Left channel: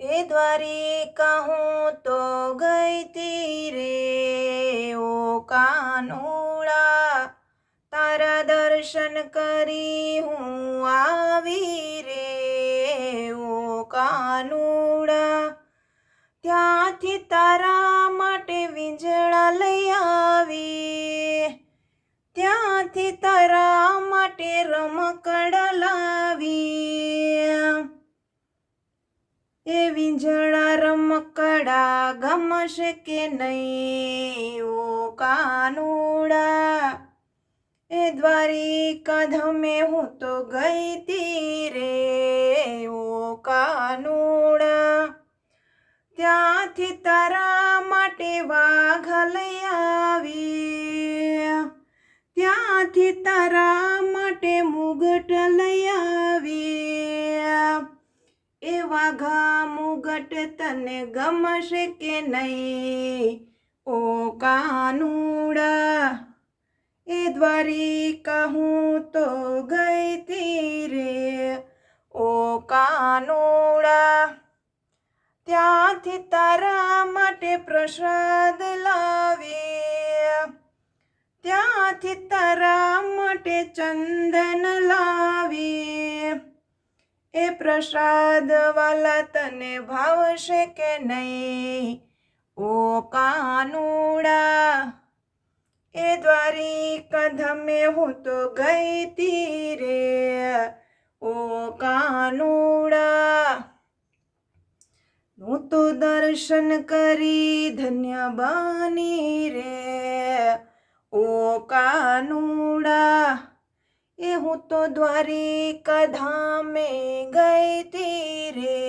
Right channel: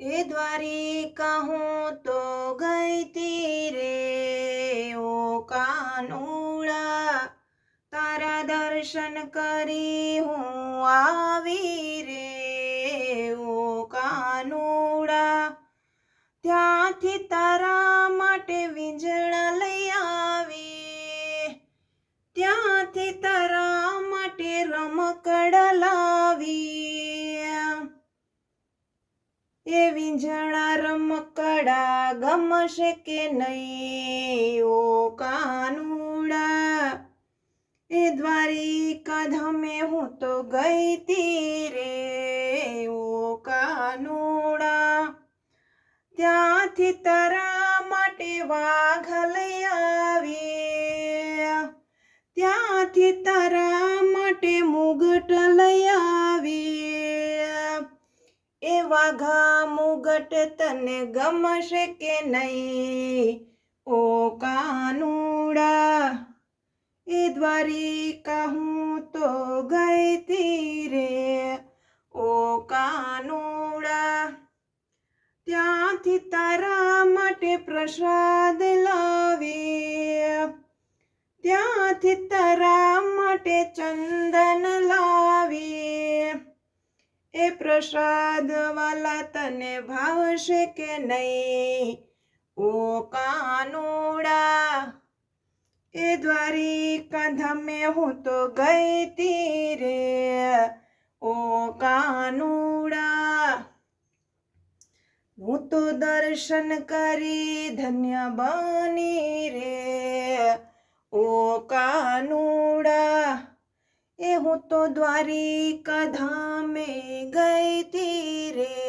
એ દ્વારિકા હું તો ગઈ તી રે ઓ કાનુડા, તારા દર્શન કરી હું આવી રે ઓ કાનુડા, ત્યાંથી તારા માટે વીંજળા લઈ આવી, ત્યાંથી તારા માટે રમકડા લાવી, એ વીંજળા રમકડા ગમશે કે નહીં ઓ કાનુડા, એ દ્વારિકા ધામે હું તો ગઈ તી રે ઓ કાનુડા, ત્યાંથી તારા માટે વાઘ લઈ આવી, ત્યાંથી તારા માટે મુગટ લઈ આવી, એ વાઘા મુગટ તને ગમશે કે નહીં ઓ કાનુડા, એ દ્વારિકા હું તો ગઈ તી રે ઓ કાનુડા, ત્યાંથી તારા માટે પ્રસાદ લાવી, ત્યાંથી તારા માટે ચંદન લાવી, એ પ્રસાદ વાલા તને ભાવશે કે નહીં ઓ કાનુડા, એ દ્વારિકા ધામે હું તો ગઈ તી રે ઓ કાનુડા, હું તો દર્શન કરી ધન્ય બની રે ઓ કાનુડા, એ હું તો દ્વારિકા ધામે ગઈ તી રે